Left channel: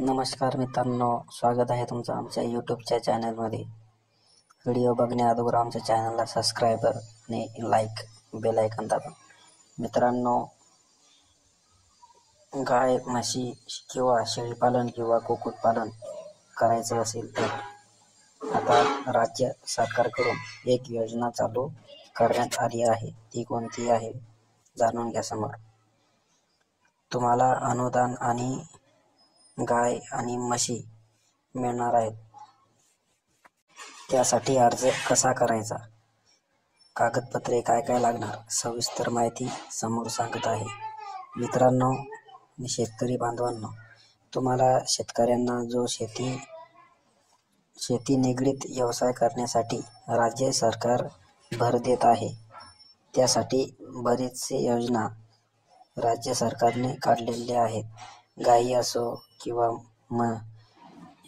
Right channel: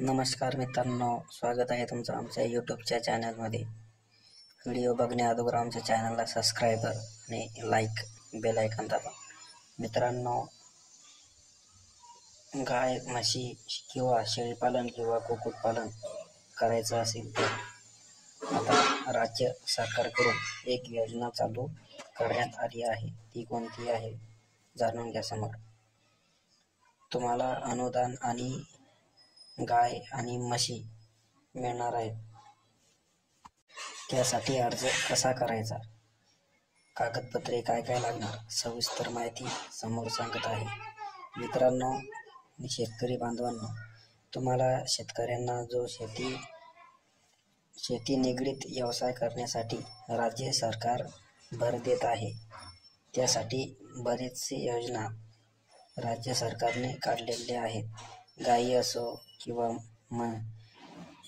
नमस्कार मित्रांनो, स्वागत आहे तुमचं आमच्या यूट्यूबच्या चॅनलमध्ये. व्हिडिओ बघण्या अगोदर आमच्या चॅनलला सबस्क्राईबर आणि लाईक बेल आयकॉन दाबा. मित्रांनो, गाय म्हशी किंवा शेळीपालन किंवा कुक्कुटपालन करायचं असेल तर आता राज्य सरकारकडून एक योजना चालू करण्यात आली आहे. ती कोणती आहे जाणून घ्या समोर. तुम्हाला अनुदान आणि गाय आणि म्हशी मिळणार आहेत. त्यासाठी अर्ज कसा करायचा, कागदपत्रे काय काय लागणार, सविस्तर माहिती समोर सांगत आहे. मित्रांनो आणि शेतकरी बांधवांनो, तुम्हाला शेतकऱ्यांना जो शेती निगडीत व्यवसाय करण्यासाठी राज्य सरकार भर देत आहे, त्यासाठी बरेचसे योजना राज्य सरकारने काढलेले आहेत. गायी असो किंवा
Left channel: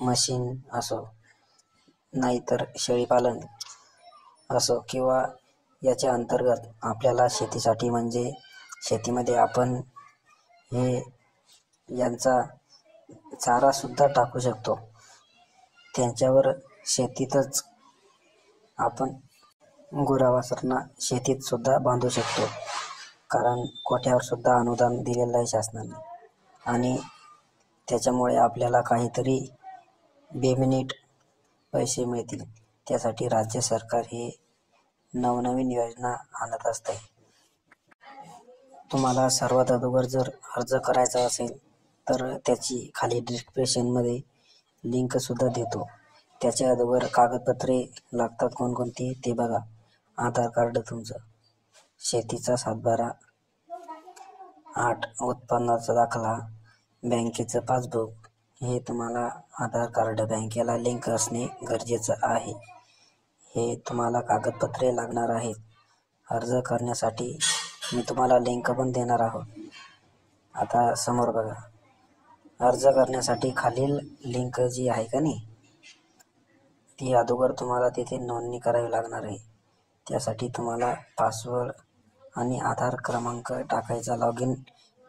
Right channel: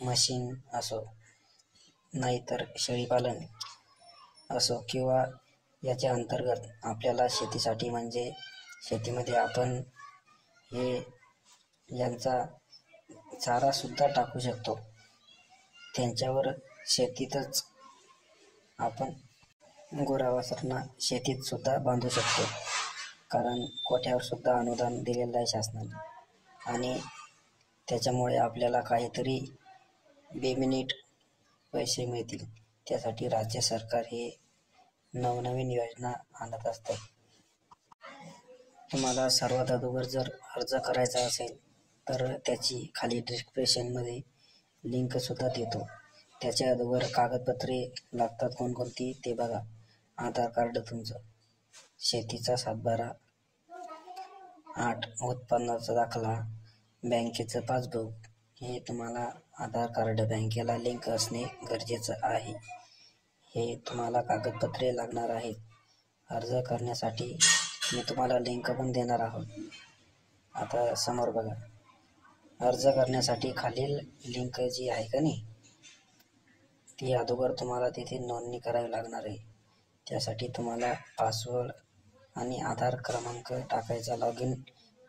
म्हशीन असो, नाहीतर शेळीपालन असो, किंवा याच्या अंतर्गत आपल्याला शेतीसाठी म्हणजे शेतीमध्ये आपण यांचा चारा सुद्धा टाकू शकतो. त्यांच्यावर शेतीतच आपण गुरावासरना शेतीत सुद्धा बांधू शकतो, कारण कोठ्यावर सुद्धा अनुदान दिलेलं आहे शासनाने. आणि त्याच्यामुळे आपल्याला काहीतरी बेमिनिट पैसे मिळतील. त्यासाठी राज्य सरकार हे नवनवीन योजना आणत असते. तुम्हाला सर्वात अगोदर जर अर्ज करायचा असेल तर त्याची खाली डिस्क्रिप्शनमध्ये लिंक सुद्धा देतो. त्याच्या अगोदर कागदपत्रे लागतात कोणकोणती ते बघा. आधार कार्ड तुमचं, शेतीचा सातबारा, 8 उत्पन्नाचा दाखला, बँकेचं पासबुक. हे तुम्हाला आधार कार्ड बँकेला लिंक असणे गरजेचं आहे. हे तुम्हाला कागदपत्रे लागणार आहेत. अर्ज करण्यासाठी मी तुम्हाला लिंक पण देणार आहोत. आता समोर बघा. अर्ज करण्यासाठी खालील लिंक जी आहे का नाही, ती अगोदर तुम्हाला तिथे नोंदणी करावी लागणार आहे. त्यासाठी तुम्हाला पासवर्ड आणि आधार क्रमांक टाकायचा, लॉग इन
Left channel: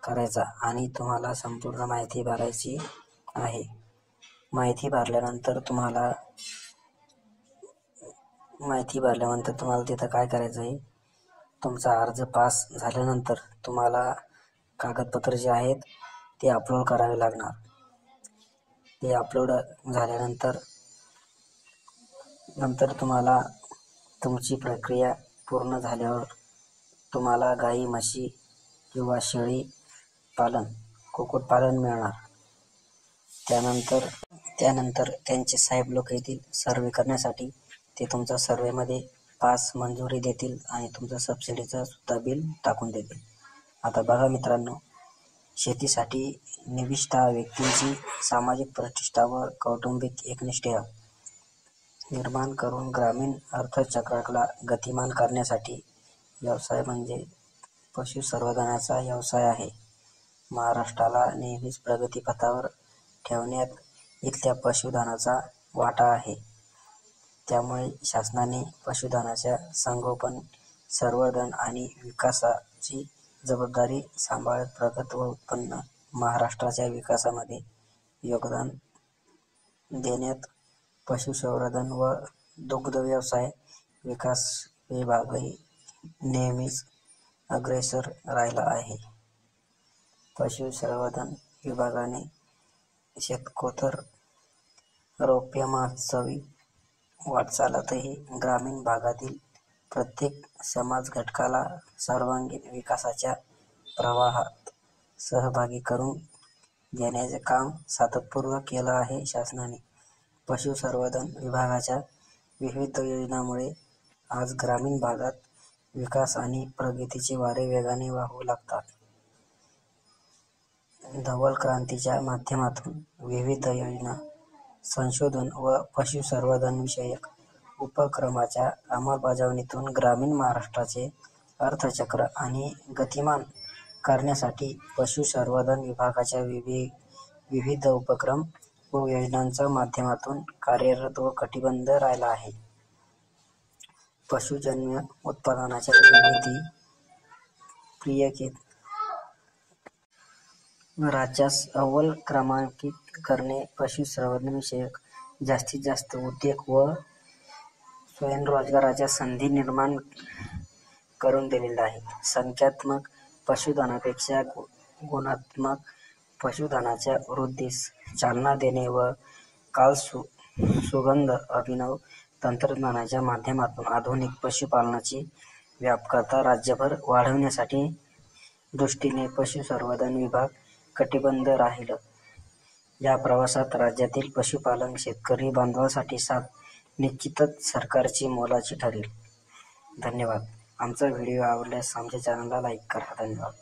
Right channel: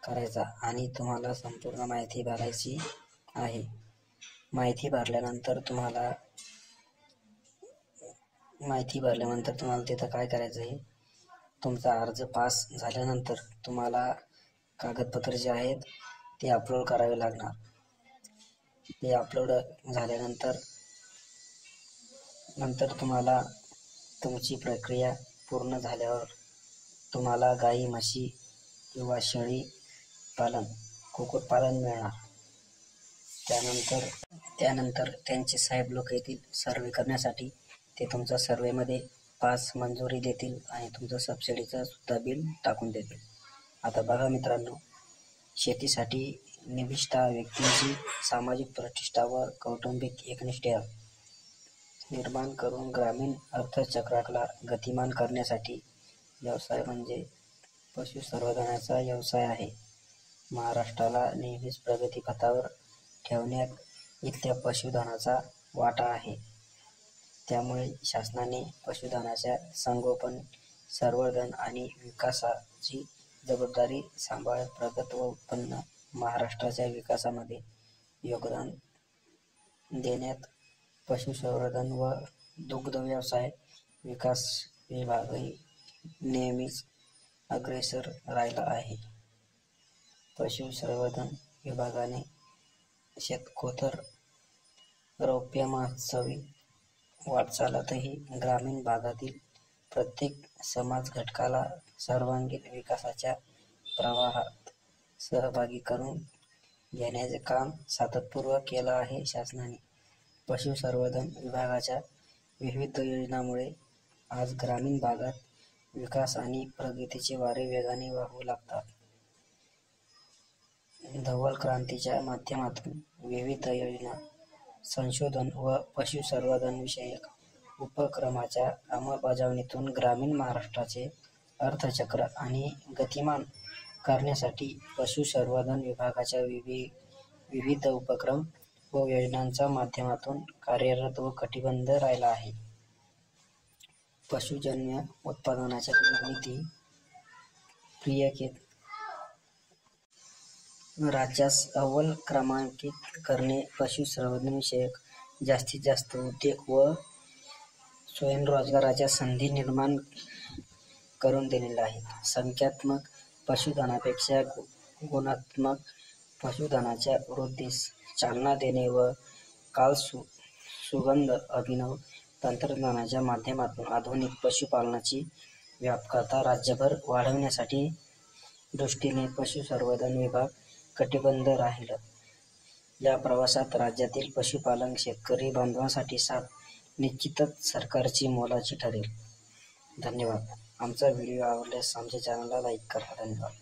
करायचा आणि तुम्हाला संपूर्ण माहिती भरायची आहे. माहिती भरल्यानंतर तुम्हाला तिथं काय करायचं आहे, तुमचा अर्ज पास झाल्यानंतर तुम्हाला कागदपत्र जे आहेत ते अपलोड करावे लागणार. ते अपलोड झाल्यानंतर तुम्हाला तुमची प्रक्रिया पूर्ण झाल्यावर तुम्हाला गाई म्हशी किंवा शेळी पालन कुक्कुटपालन मिळणार. त्यानंतर त्यांचे साहेब लोक येतील सर्वे करण्यासाठी. ते तुमचा सर्वेमध्ये पास मंजुरी देतील आणि तुमचं सबसिडीचं सुद्धा बिल टाकून देतील. आता बघा मित्रांनो, शेतीसाठी निविष्ठा व्यक्तींची सामाजिक प्रतिष्ठा व कौटुंबिक एकनिष्ठा निर्माण करून ग्रामीण अर्थचक्राला गतिमान करण्यासाठी व्यवसाय म्हणजे पशुसंवर्धनाचा व्यवसाय आहे. महाराष्ट्राला नेहमीच प्रगतीपथावर ठेवण्यात इथल्या पशुधनाचा वाटा आहे. त्यामुळे शासनाने पशुधनाच्या संगोपन, संवर्धन आणि विकासाची जबाबदारी सांभाळत प्रगत व उत्पन्न महाराष्ट्राच्या विकासामध्ये योगदान देण्यात पशुसंवर्धन व दुग्ध व्यवसाय विकास विभागही नेहमीच अग्रेसर राहिला आहे. पशुसंवर्धन विभागाने शतकोत्तर रौप्य महोत्सवी वाटचालीतही ग्रामीण भागातील प्रत्येक समाज घटकाला सर्वांगीण विकासाच्या प्रवाहात सहभागी करून घेण्याचे काम सातत्यपूर्वक केलं आहे शासनाने. पशुसंवर्धन विभागाच्या विविध योजनांमुळे आज ग्रामीण भागात विकास आणि प्रगतीचे वारे वेगाने वाहू लागतात. धवल क्रांतीच्या माध्यमातून विविध योजना, संशोधन व पशुसंवर्धनविषयक उपक्रमांच्या अंमलबजावणीतून ग्रामीण महाराष्ट्राचे अर्थचक्र आणि गतिमान करण्यासाठी पशुसंवर्धन विभागाच्या विविध उपक्रम व योजनांच्या माध्यमातून कार्यरत व कटिबद्ध राहिला आहे. पशुजन्य उत्पादनाच्या निर्मिती राज्यास अव्वल क्रमांकित करणे, पशुसंवर्धनविषयक जास्तीत जास्त उद्योग व स्वयंरोजगाराच्या संधी निर्माण करून दिलेल्या आहेत. संख्यात्मक पशुधनापेक्षा गुणात्मक पशुधनाच्या वृद्धीस चालना देणे व सुगंध अभिनव तंत्रज्ञानाच्या माध्यमातून आधुनिक पशुपालनाची व्यापकता राज्यभर वाढवण्यासाठी दृष्टीने पशुसंवर्धन विभाग कटिबद्ध राहील. या प्रवासात राज्यातील पशुपालक शेतकरी बांधवांसाठी साथ निश्चितच सरकारची मोलाची ठरेल. धन्यवाद. आमचा व्हिडिओ आवडल्यास आमच्या चॅनलला लाईक करा. धन्यवाद.